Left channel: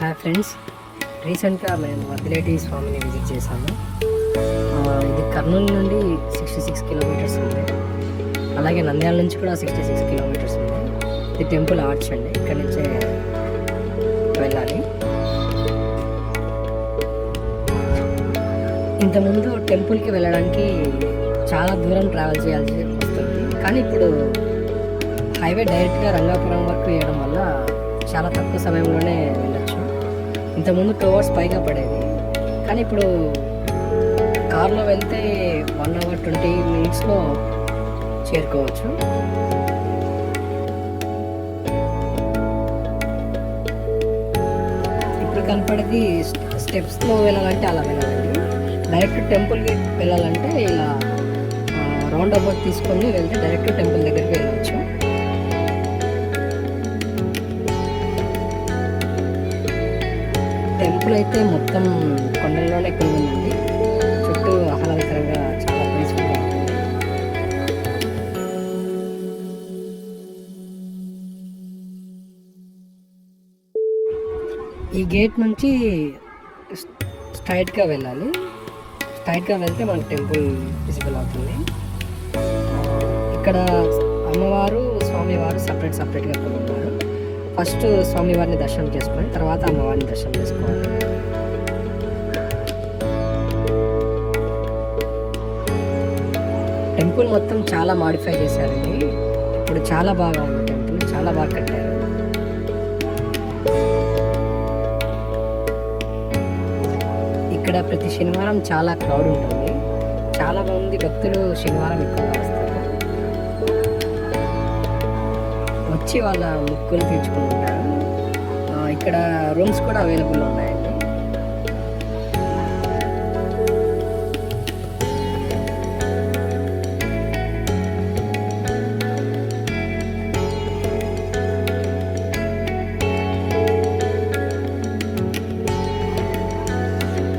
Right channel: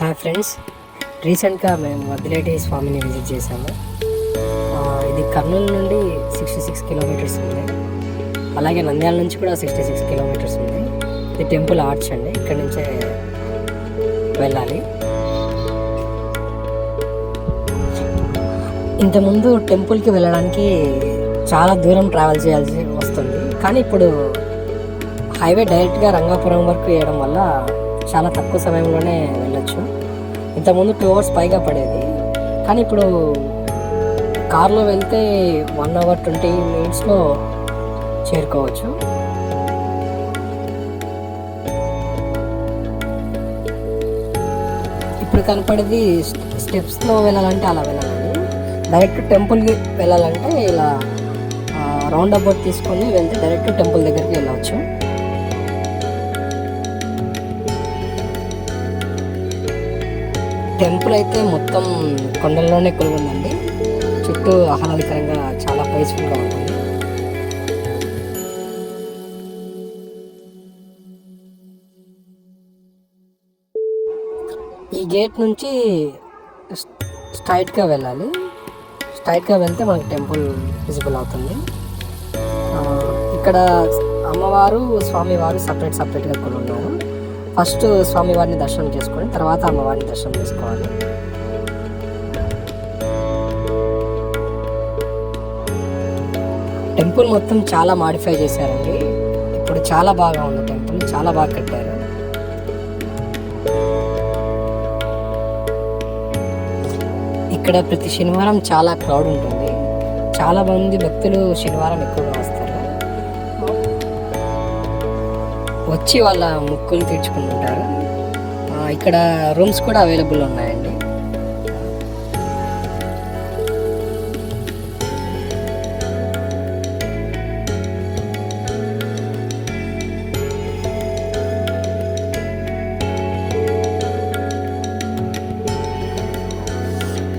Hi friends రీసెంట్గా మేము వద్దిరెడ్డి స్వామిని విజిట్ చేశాము. ఇది కర్నూలు నుండి సిక్స్టీ సిక్స్ కిలోమీటర్స్ ఉంది. అలాగే నంద్యాల నుంచి కూడా సిక్స్టీ సిక్స్ కిలోమీటర్స్ ఉంది. ఇది టెంపుల్ ఆర్చ్ అండి. ఇక్కడి నుంచి వెళ్ళాలి. ఇంతకుముందు టెంపుల్కి వెళ్ళడానికి చాలా దూరం ట్రావెల్ చేయాల్సి వస్తుంది. కానీ ఇప్పుడు హైవే డైరెక్ట్గా రంగాపురం వరకు వేయడం వల్ల చాలా తక్కువ సమయంలోనే వెళ్ళొచ్చు. ఇంతకుముందు టూ అవర్స్ పైగా పడేది. కానీ ఇప్పుడు కార్లో వెళ్తే వన్ అవర్ ట్వంటీ మినిట్స్లో చేరుకోవచ్చు. ఇప్పుడు కనపడేది స్టెప్స్లో వెళ్ళాలంటే అలా వెళ్ళాలండి డైరెక్ట్ టెంపుల్కి వెళ్ళాలంటే ఇలా రౌండ్ అబౌట్ తీసుకొని వెళ్తే డైరెక్ట్ టెంపుల్ దగ్గర టెంపుల్ అయితే మొత్తం కొండల్లోనే కొలుగుందండి చుట్టూ ఆహ్లాదకరంగా చాలా పీస్ఫుల్గా ఉంది. ఈ గేట్ నుంచి స్ట్రైట్గా వెళ్ళాలి. స్ట్రైట్గా వెళ్తే మనకి టెంపుల్ విజిబుల్ అవుతుంది. ఇక్కడ అమ్మవారు స్వామివారు సపరేట్ సపరేట్గా కొలున్నారు ఫస్ట్ స్వామివారిని దర్శనం చేసుకొని తర్వాత అమ్మవారిని దర్శనం చేసుకోవాలి. టెంపుల్ మొత్తం చాలా మాడిఫై చేశారండి. ఇప్పుడు చాలా బాగా ఉంది టెంపుల్ చాలా బాగా కట్టారు. ఇక్కడ ప్రతి శనివారం చాలా క్రౌడ్ ఉంటుంది. చాలా మంది భక్తులు శనివారం ఎక్కువగా వచ్చి వాళ్ళ ముక్కులు తెచ్చుకుంటారు ఇక్కడ రూమ్స్ కూడా అవైలబుల్ ఉన్నాయండి.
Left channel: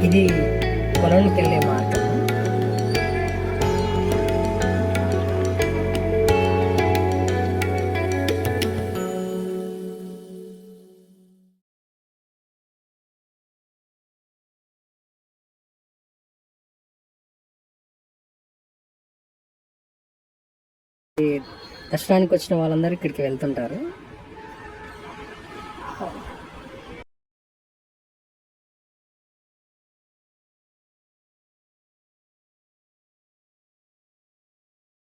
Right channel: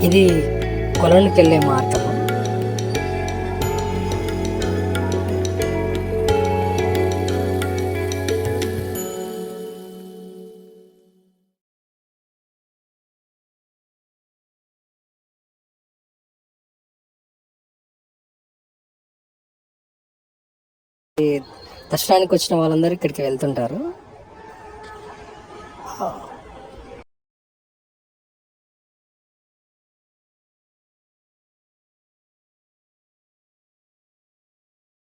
ఇది కొలనుకెళ్ళే వెళ్ళే మార్గం. దర్శనానికి వచ్చిన వాళ్ళందరూ ఇక్కడికి వెళ్తుంటారు.